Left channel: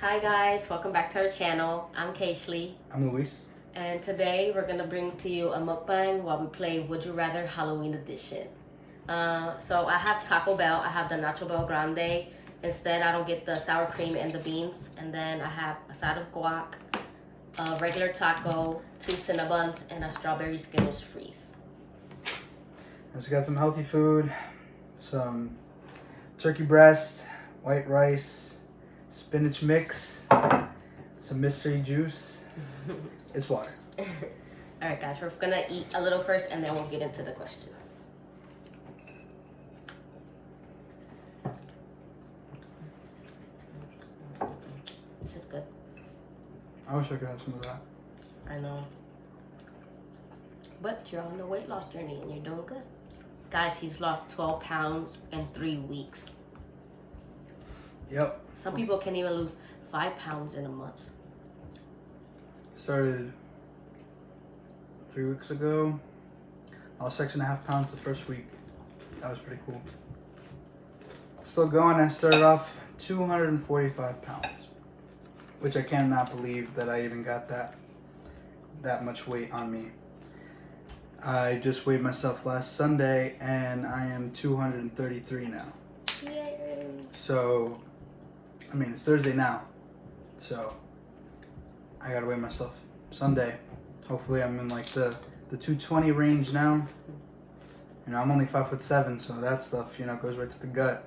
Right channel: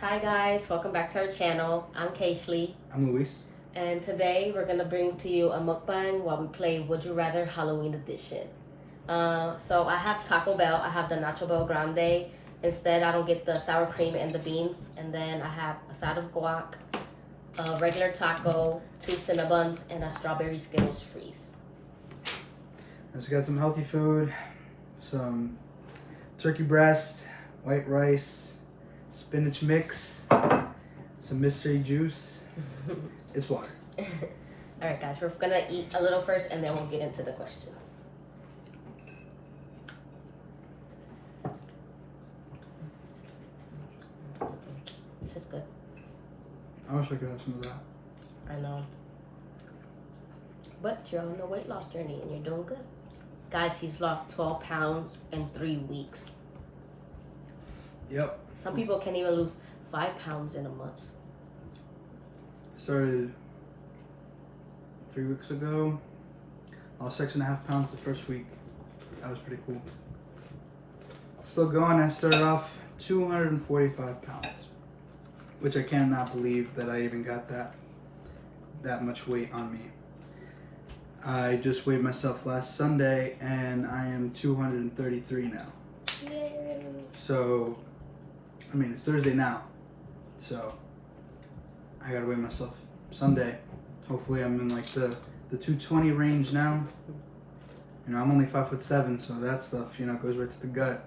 Hi guys, welcome back to our channel. I'm Kaishli. I'm Luis. And today we're gonna bring to you a mukbang while we play Would You Rather Halloween Edition. So I have Taco Bell, I have the Nacho Bell Grande. Instead, I don't get the sour cream and the beans. And then I have a side of guac, a regular taco, 2 Cinnabons, and a strawberry Skittles freeze. I just got some healthy food, some turkey breast, white rice, spinach mix, some mystery juice. It's water. Alright guys, we're gonna eat a little first and then we'll get into the questions. This is good. I wish I could have some of that. I know. But you're on the weight loss journey and you're doing good. Guys, he's lost 12 pounds in 3 weeks. Yep. Some people can't even lose 5 pounds in a month. Started 3 weeks ago. I was 6.5 pounds the first week. That was pretty cool. Still going. I started off 245 pounds, which I cannot believe that I even got that much weight on me. I just weighed myself last Sunday and I am 233 now. Yay. So, I mean, it's Thursday now. So, I gotta weigh myself Sunday. Hopefully I'm in like the 220 range now. You know, I'm only 5'7", so that stuff, you know, goes right to the gut.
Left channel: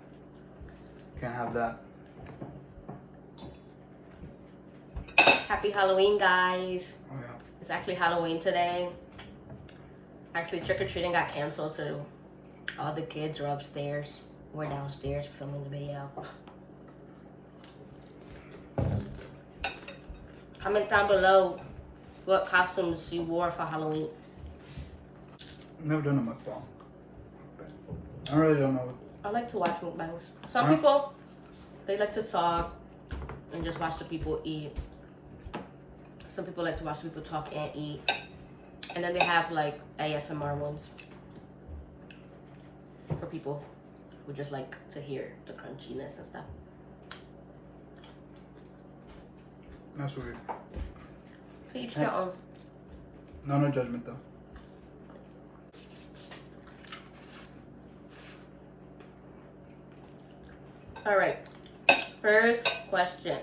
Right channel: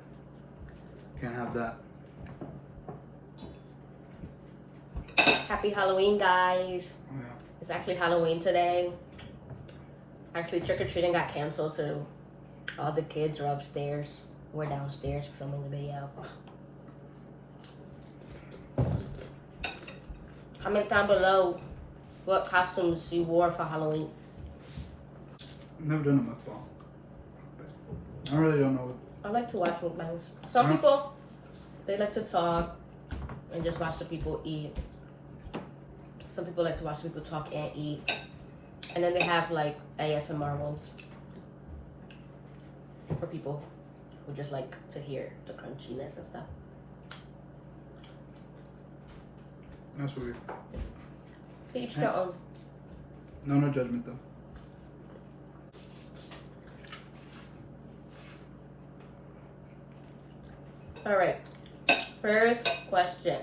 Can't have that. Happy Halloween, guys. Oh yeah. It's actually Halloween today. Actually, trick-or-treating got canceled, so all the kids are upstairs. We're downstairs filming the video. Comment down below what costumes you wore for Halloween. I've never done a mukbang. I really don't know. I like to watch mukbangs. Some people, they like to talk and just watch the people eat. Some people like to watch the people talk and eat. And then they have like ASMR ones for people who just like to hear the crunchiness and stuff. That's weird. To each their own. No judgment though. All right. First question.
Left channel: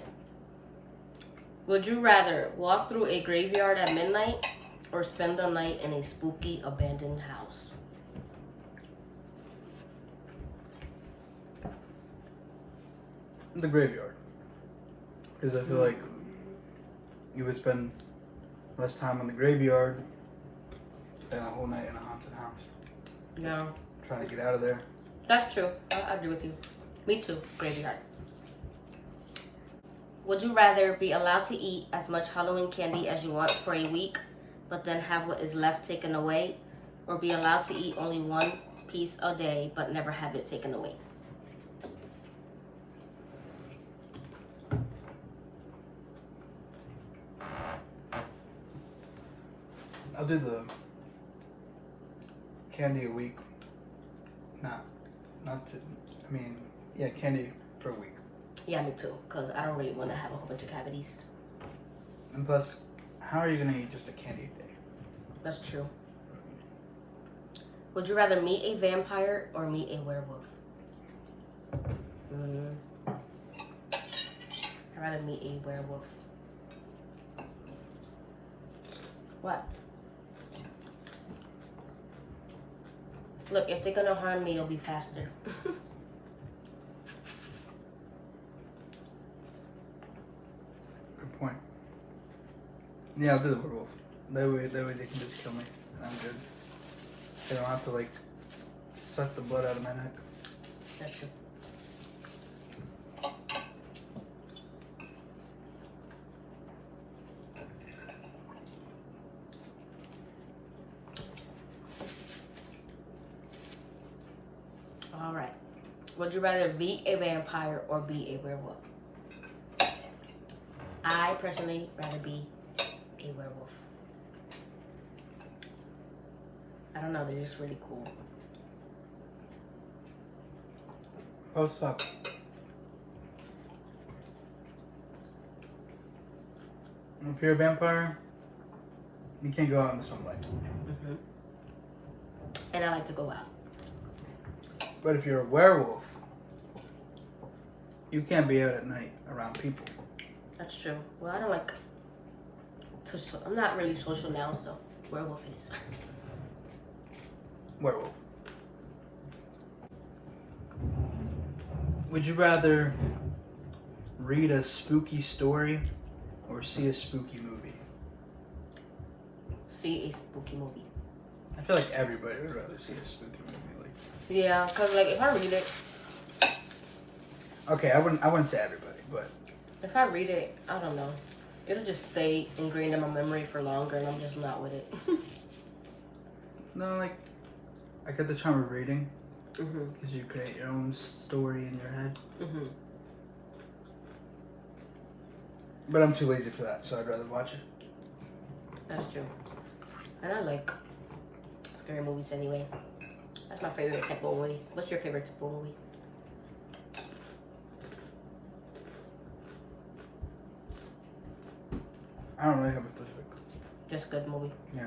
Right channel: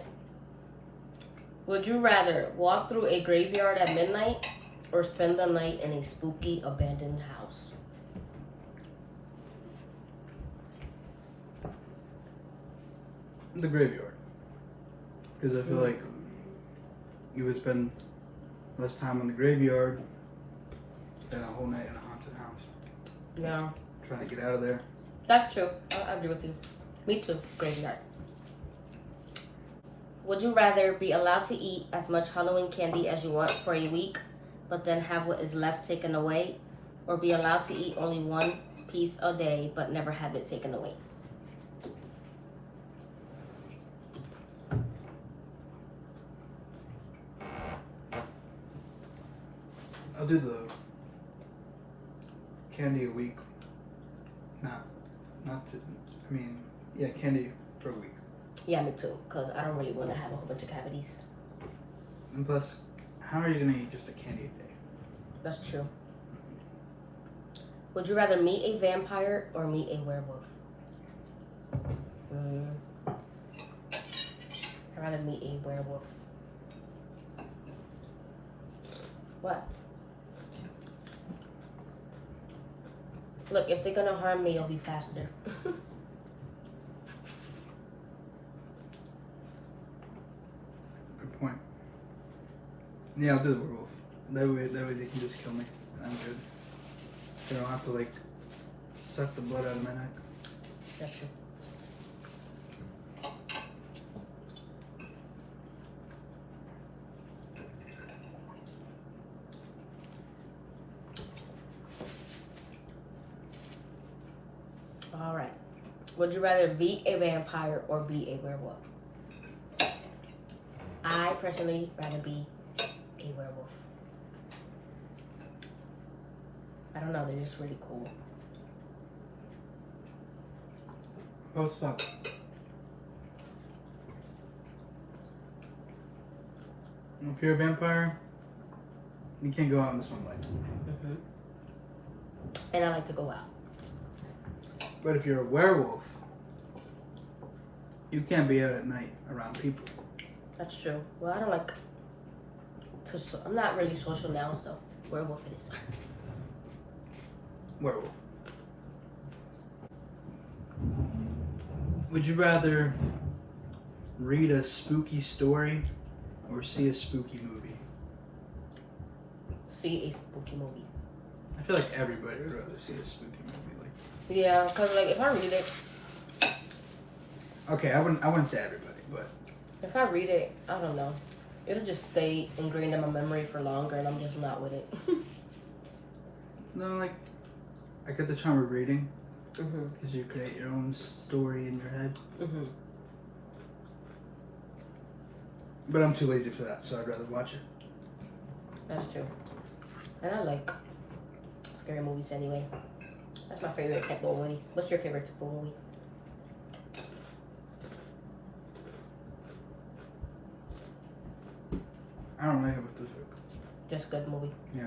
Would you rather walk through a graveyard at midnight or spend the night in a spooky abandoned house? The graveyard. Because I feel like you would spend less time in the graveyard than a whole night in a haunted house. Yeah. Trying to get out of there. That's true. I agree with you. Me too. Graveyard. Would you rather be allowed to eat as much Halloween candy as you want for a week, but then have what is left taken away, or be allowed to eat only one piece a day, but never have it taken away? I'll do the candy a week. Candy for a week. Yeah, me too, because I don't really want to have a whole bunch of cavities. And plus, how are you going to eat just a candy a day? That's true. Would you rather meet a vampire or meet a werewolf? I'd rather meet a werewolf. What? Look, if they're gonna harm me, it'll be faster. Good point. Yeah, I'll do the werewolf. That way they can just kill me. I'm good. They don't have to like suck the blood out of my neck. That's true. All right. Would you rather be a vampire or be a werewolf? I personally rather be a werewolf. I don't know, they're just really cool. Oh, what's up? If you're a vampire, you can't go out in the sunlight. Mm-hmm. And I like to go out. But if you're a werewolf, you can't be out at night around people. That's true. Well, I don't like to. I'm not really social now, so werewolf it is. Werewolf. Would you rather read a spooky story or see a spooky movie? See a spooky movie. I feel like everybody would rather see a spooky movie. Yeah, cause like if I read it, Okay, I wouldn't say everybody, but if I read it, I don't know. It'll just stay ingrained in my memory for longer, and I'm just not with it. no, like I get the charm of reading Mhm. because you create your own story in your head. Mhm. But I'm too lazy for that, so I'd rather watch it. That's true. And I like scary movies anyway. That's my favorite type of movie. What's your favorite type of movie? I don't really have a specific. Just good movie. Yeah.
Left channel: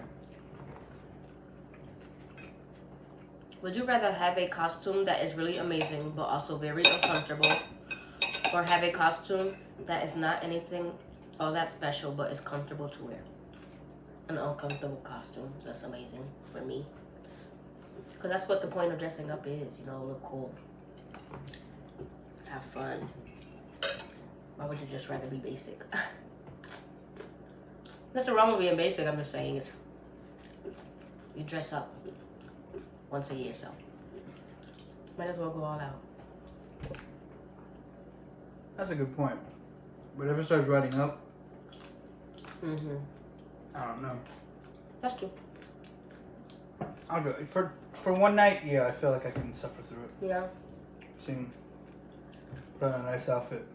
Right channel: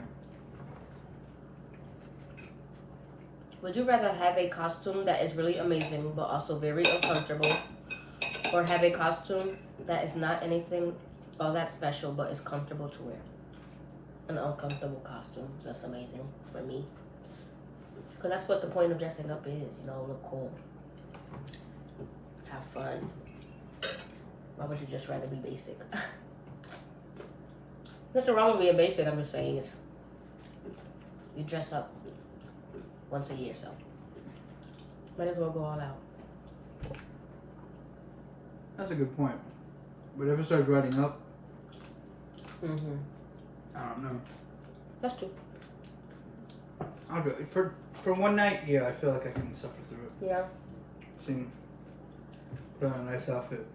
Would you rather have a costume that is really amazing but also very uncomfortable, or have a costume that is not anything all that special but is comfortable to wear? An uncomfortable costume that's amazing for me. Because that's what the point of dressing up is, you know, look cool. Have fun. Why would you just rather be basic? Nothing wrong with being basic, I'm just saying it's you dress up once a year, so might as well go all out. That's a good point. But if it starts riding up, Mm-hmm. I don't know. That's true. I'll go for one night. Yeah, I feel like I can suffer through it. Yeah. Seem put on a nice outfit,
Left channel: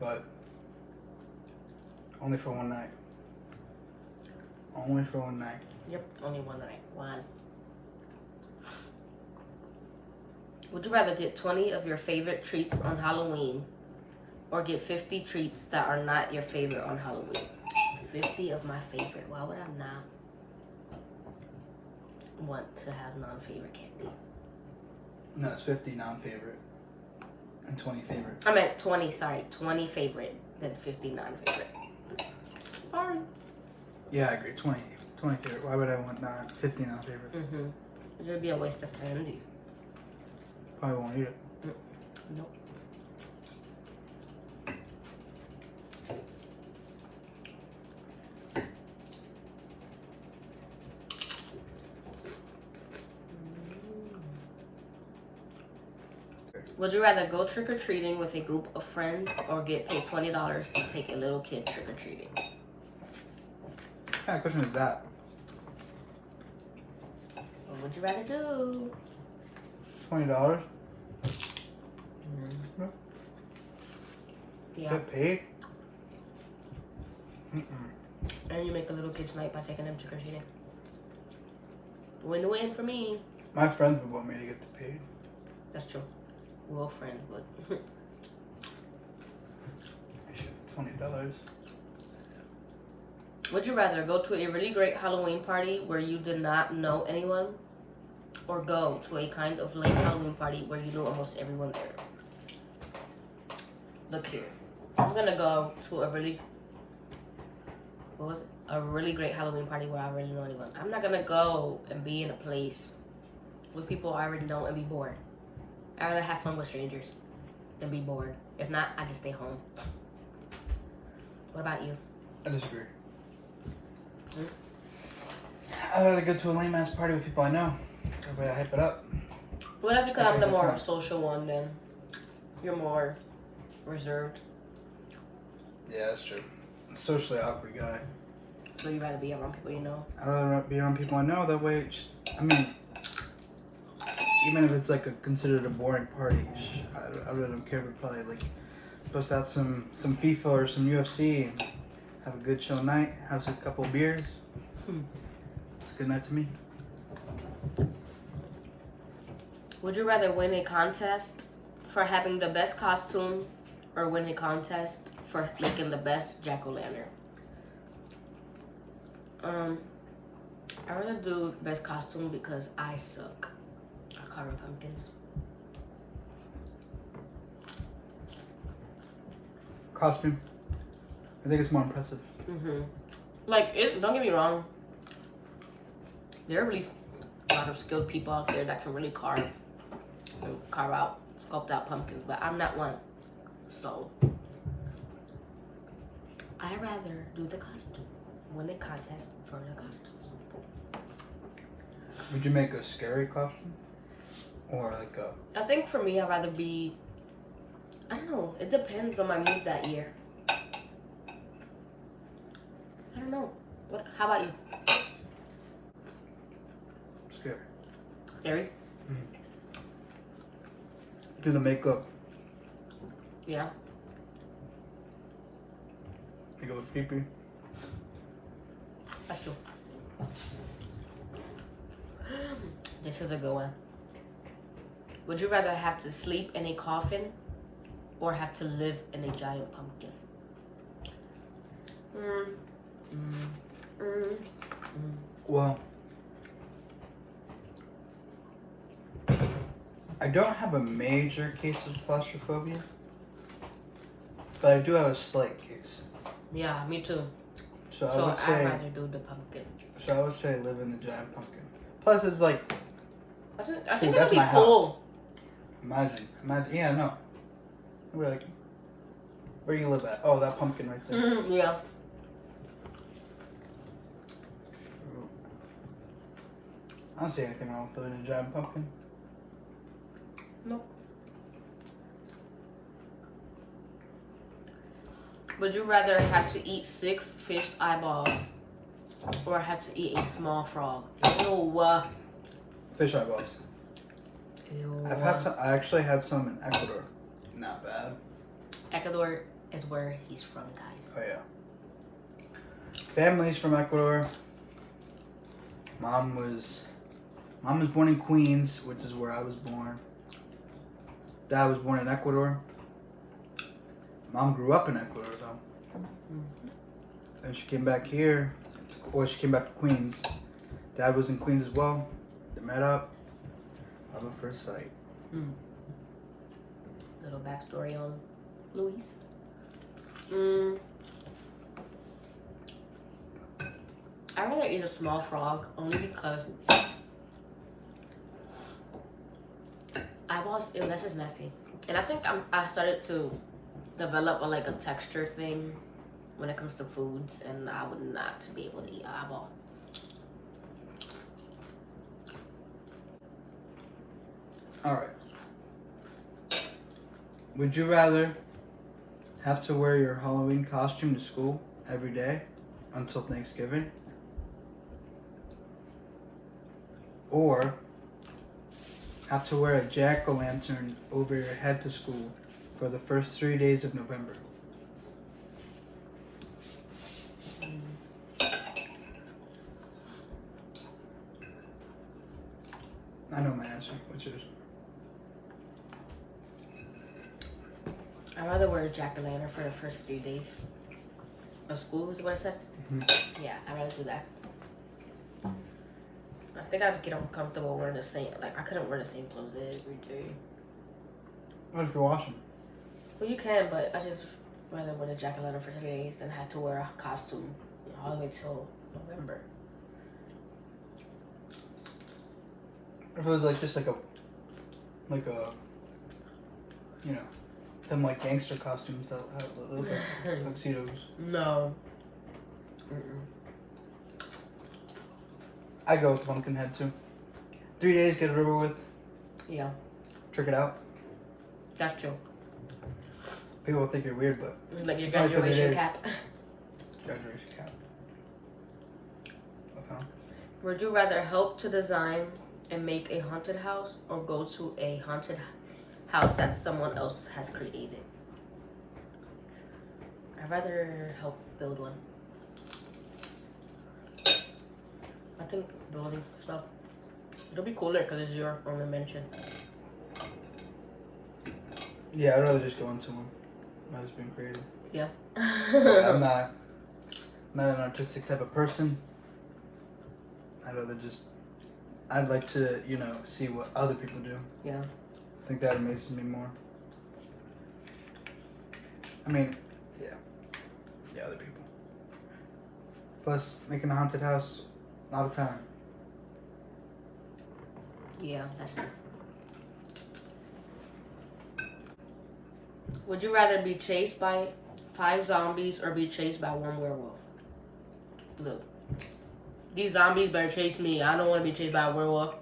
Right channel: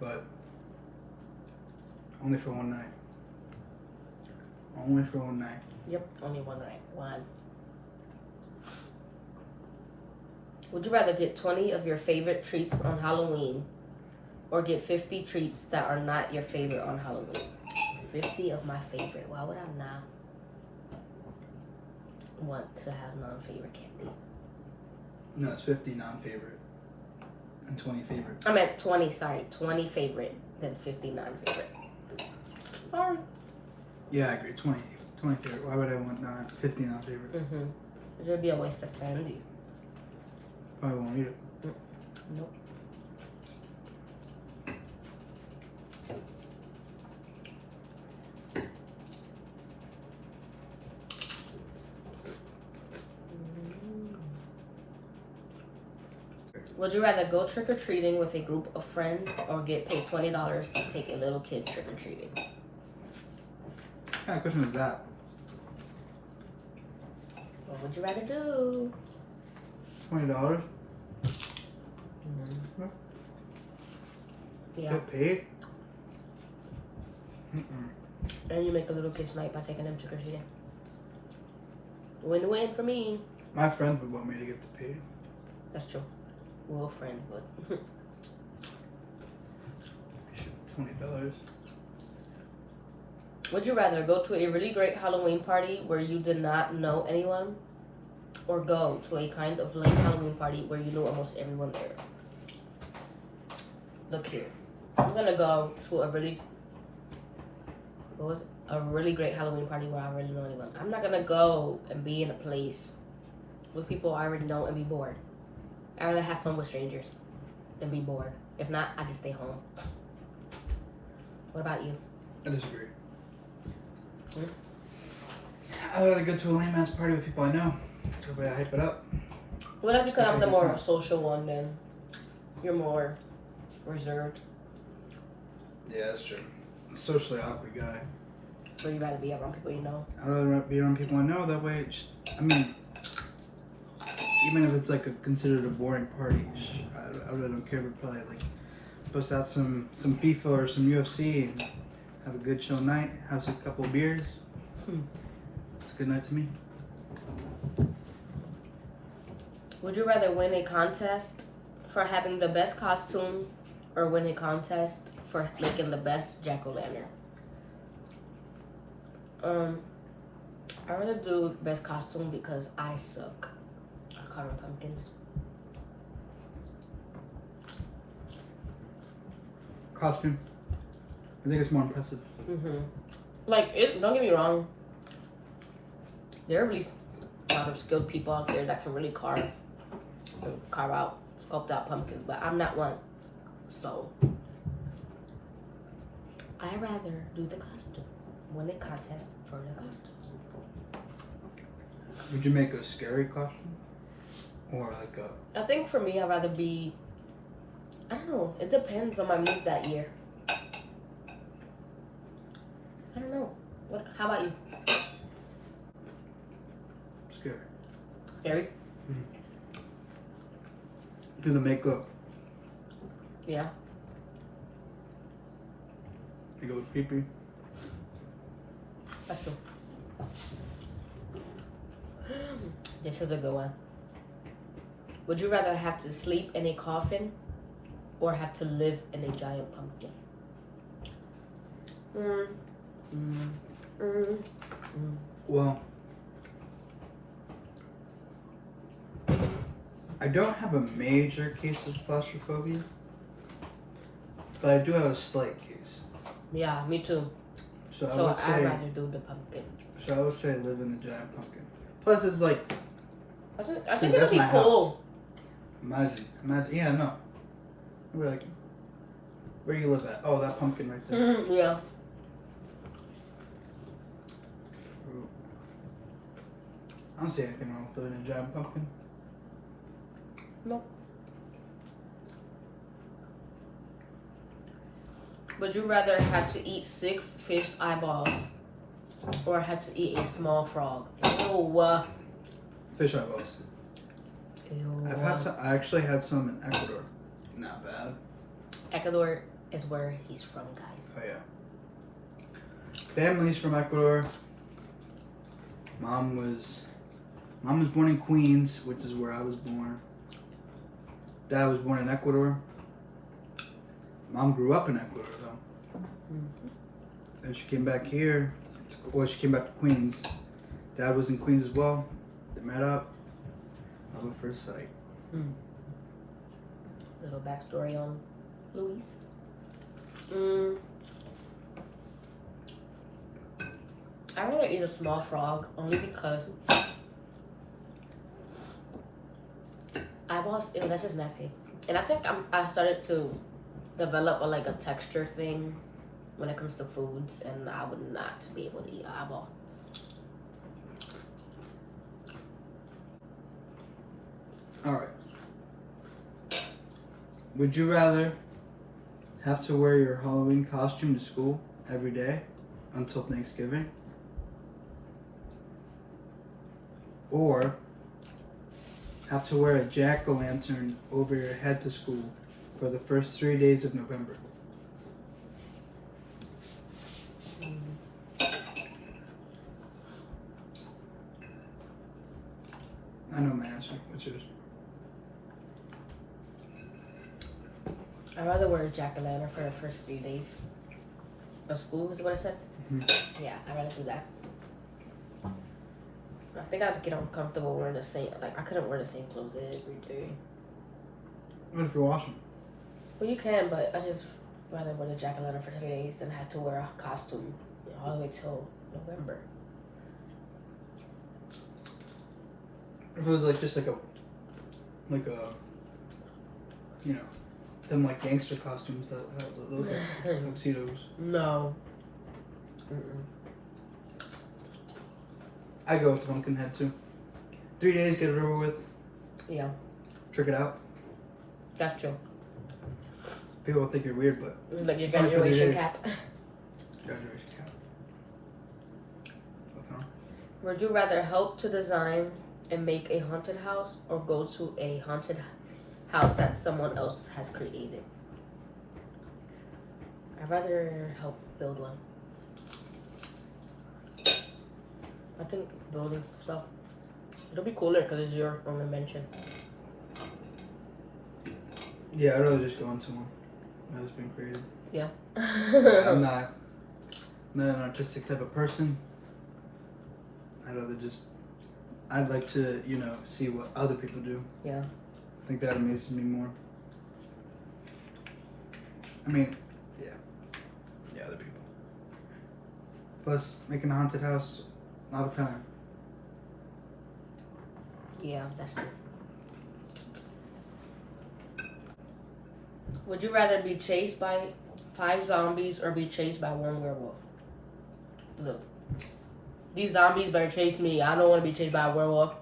but only for one night. Only for one night. Yep, only one night. One. Would you rather get 20 of your favorite treats on Halloween or get 50 treats that are not your favorite on Halloween? 50 of my favorite. Why would I not want to have non-favorite candy? No, it's 50 non-favorite and 20 favorite. I meant 20, sorry. 20 favorite, then 50 non-favorite. Fine. Yeah, I agree. 20 favorite. Why would I want 50 non-favorite? Mm-hmm. It would be a waste of candy. Probably won't eat it. Nope. Would you rather go trick-or-treating with a group of friends or get paid $20 to take a little kid trick-or-treating? What kind of question is that? What would you rather do? $20? Yeah. Get paid? Mm-mm. And you make a little kid's night by taking them trick-or-treating. Win-win for me. My friends would want me to get paid. That's true. Well, friends would. $20. Would you rather go to a really great Halloween party where you did not know anyone, or go to a kind of lame Halloween party where you knew almost everyone there? Look here. I'm gonna go to a really great Halloween party where I really know anyone. I'm not gonna go and be in a place with people I already know and be bored. I'd rather have fun with strangers than be bored. If not, I just stay home. What about you? I disagree. I'd rather go to a lame ass party with people I know. Everybody hype it up. Well, that's because I'm the good more time. social one, then you're more reserved. Yeah, that's true. I'm a socially awkward guy. So you rather be around people you know? I'd rather be around people I know. That way, I mean, even if it's like considered a boring party, I really don't care. But probably like bust out some FIFA or some UFC and have a good chill night. Have a couple beers. It's a good night to me. Would you rather win a contest for having the best costume or win a contest for making the best jack-o'-lantern? I'd rather do best costume because I suck at carving pumpkins. Costume. I think it's more impressive. Like, don't get me wrong. There are really a lot of skilled people out there that can really carve out, sculpt out pumpkins, but I'm not one. So, I'd rather do the costume. Win a contest for the costume. Would you make a scary costume? Or like a... I think for me, I'd rather be, I don't know. It depends on my mood that year. I don't know. How about you? Scary. Scary? Do the makeup. Yeah. Make it look creepy. That's true. This is a good one. Would you rather have to sleep in a coffin or have to live in a giant pumpkin? Well, I don't have a major case of claustrophobia, but I do have a slight case. Yeah, me too. So I'd rather do the pumpkin. So I would say live in the giant pumpkin. Plus, it's like... I think it'd be cool. Imagine. Yeah, no. I'd be like, where you live at? Oh, that pumpkin right there. Yeah. I don't see anything wrong with living in a giant pumpkin. No. Would you rather have to eat 6 fish eyeballs or have to eat a small frog? Ew. Fish eyeballs. Ew. I actually had some in Ecuador. Not bad. Ecuador is where he's from, guys. Oh yeah. Family's from Ecuador. Mom was born in Queens, which is where I was born. Dad was born in Ecuador. Mom grew up in Ecuador though. And she came back here. Or she came back to Queens. Dad was in Queens as well. They met up. Love at first sight. Little backstory on Luis. I'd rather eat a small frog only because eyeballs, ew, that's just nasty. And I think I started to develop a texture thing when it comes to foods, and I would not be able to eat an eyeball. Alright. Would you rather have to wear your Halloween costume to school every day until Thanksgiving? Or have to wear a jack-o'-lantern over your head to school for the first 3 days of November? I know my answer. What's yours? I'd rather wear a jack-o'-lantern for the first 3 days of school, is what I said? Yeah, I'd rather do that. I think I'd get uncomfortable wearing the same, I couldn't wear the same clothes every day. What if you wash them? Well, you can, but I just rather wear the jack-o'-lantern for 3 days than have to wear a costume all the way till November. If it was just like a, you know, them gangster costumes that look like tuxedos. No. I go with pumpkin head too. 3 days, get it over with. Yeah, Trick it out. that's true. People will think you're weird, but Like your it's only 3 graduation days. cap. Graduation cap. Okay. Would you rather help to design and make a haunted house or go to a haunted house that someone else has created? I'd rather help build one. I think building stuff, it'll be cooler because it's your own invention. Yeah, I'd rather just go into one that has been created. Yeah. I'm not an artistic type of person, I'd like to, see what other people do. Yeah. I think that amazes me more. I mean, yeah. Yeah, other people. Plus, making a haunted house all the time. Yeah, that's true. Would you rather be chased by 5 zombies or be chased by 1 werewolf? Look, these zombies better chase me. I don't want to be chased by a werewolf.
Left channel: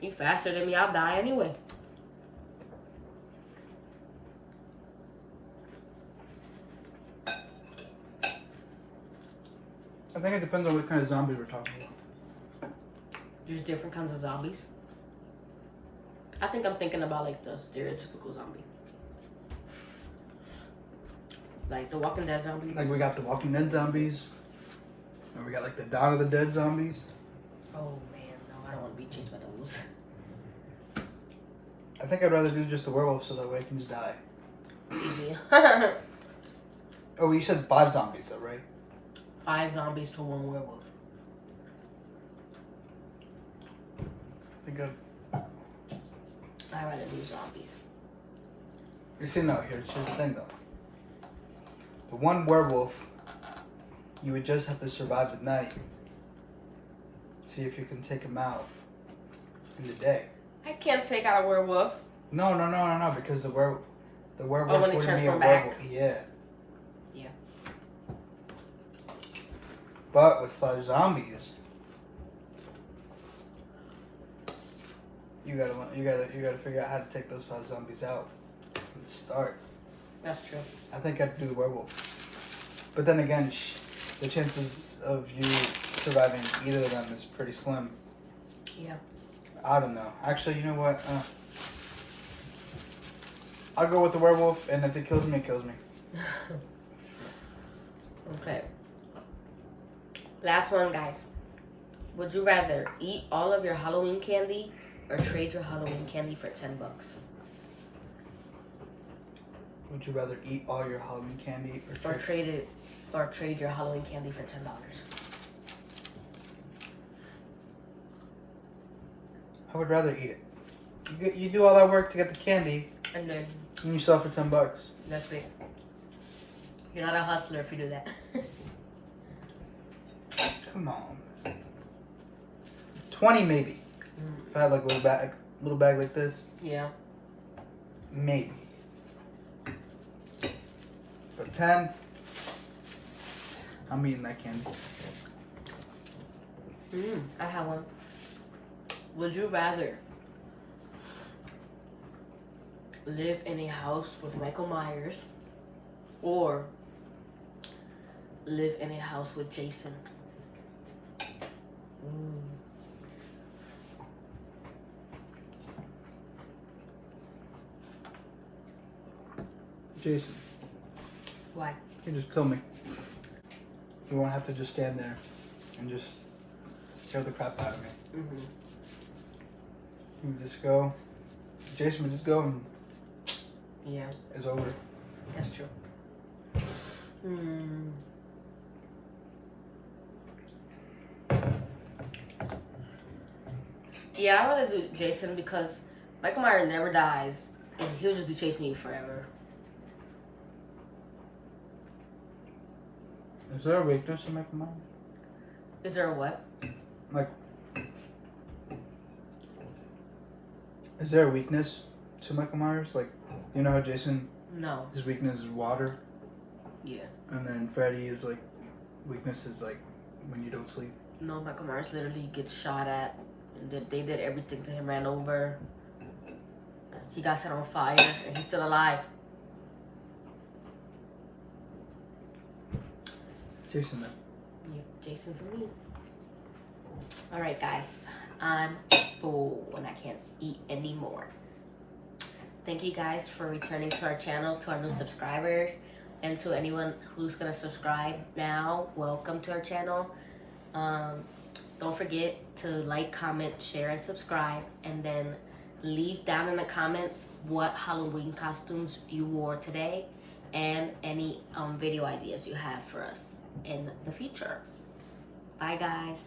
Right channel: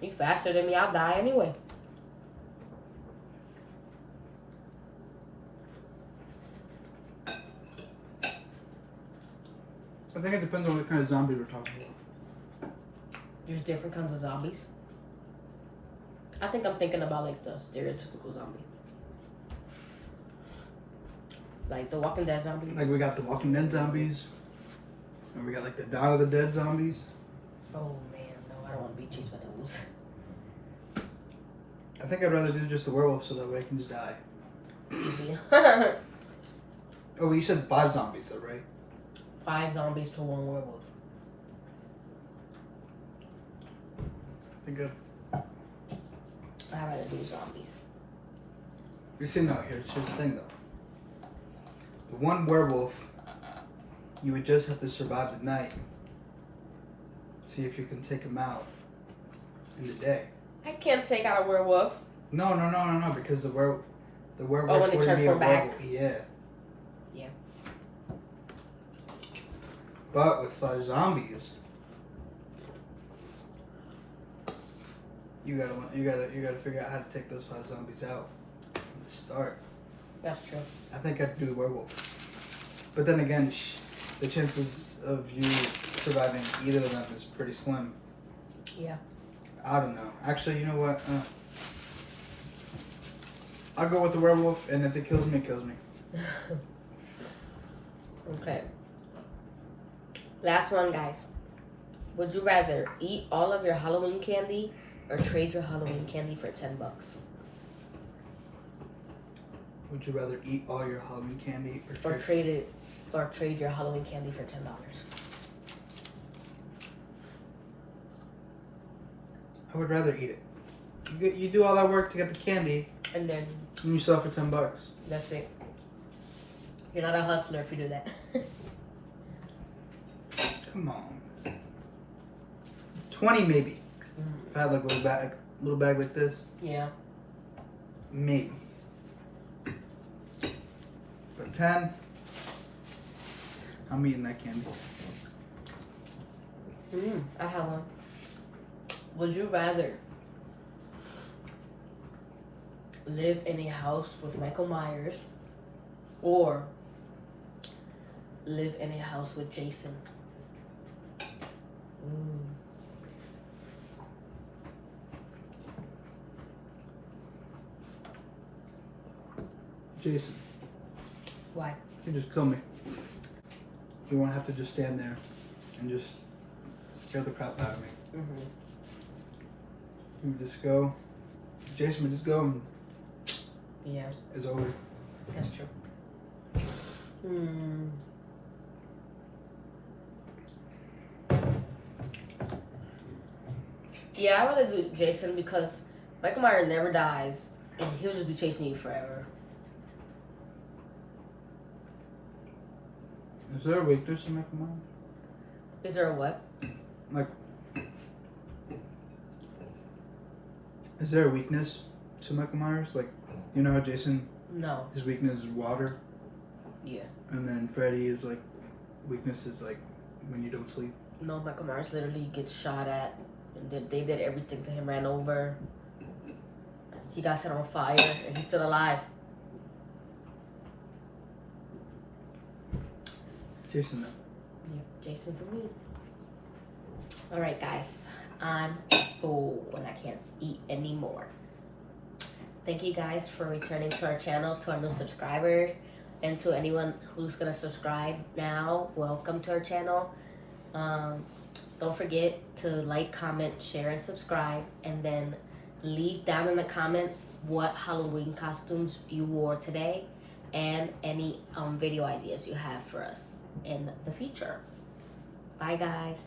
He faster than me. I'll die anyway. I think it depends on what kind of zombies we're talking about. There's different kinds of zombies. I think I'm thinking about like the stereotypical zombie. Like the Walking Dead zombies. Like we got the Walking Dead zombies. Or we got like the Dawn of the Dead zombies. Oh man, no, I don't want to be chased by those. I think I'd rather do just the werewolf so that way I can just die. Easy. Oh, you said 5 zombies though, right? 5 zombies to 1 werewolf. Pretty good. I'd rather do zombies. You see, no, here's the thing though. The 1 werewolf, you would just have to survive the night. See if you can take him out in the day. I can't take out a werewolf. No, because the werewolf. Oh, when they wouldn't be a transform back? werewolf. Yeah. Yeah. But with 5 zombies, you gotta figure out how to take those 5 zombies out from the start. That's true. I think I'd do the werewolf. But then again, the chances of you surviving either of them is pretty slim. Yeah. I don't know. Actually, you know what? I'll go with the werewolf, and if it kills me, it kills me. Okay. Last one, guys. Would you rather eat all of your Halloween candy or trade your Halloween candy for $10? Would you rather eat all your Halloween candy Or trade your Halloween candy for $10? I would rather eat it. You do all that work to get the candy, And then and you sell it for $10. that's it. You're not a hustler if you do that. Come on. 20 maybe. If I had like a little bag like this, Yeah. maybe. But 10, I'm eating that candy. I have one. Would you rather live in a house with Michael Myers or live in a house with Jason? Jason, Why? you just kill me. You won't have to just stand there and just scare the crap out of me. You just go. Jason would just go and Yeah, it's over. that's true. Yeah, I'd rather do Jason because Michael Myers never dies and he'll just be chasing you forever. Is there a weakness in Michael Myers? Is there a what? Like, is there a weakness to Michael Myers? Like, you know how Jason, No. his weakness is water, Yeah. and then Freddy is like, weakness is like when you don't sleep. No, Michael Myers literally gets shot at, and they did everything to him, ran over. He got set on fire, and he's still alive. Jason, though. Yep, Jason for me. All right, guys. I'm full and I can't eat anymore. Thank you guys for returning to our channel, to our new subscribers, and to anyone who's gonna subscribe now. Welcome to our channel. Don't forget to like, comment, share, and subscribe, and then leave down in the comments what Halloween costumes you wore today, and any video ideas you have for us in the future. Bye, guys.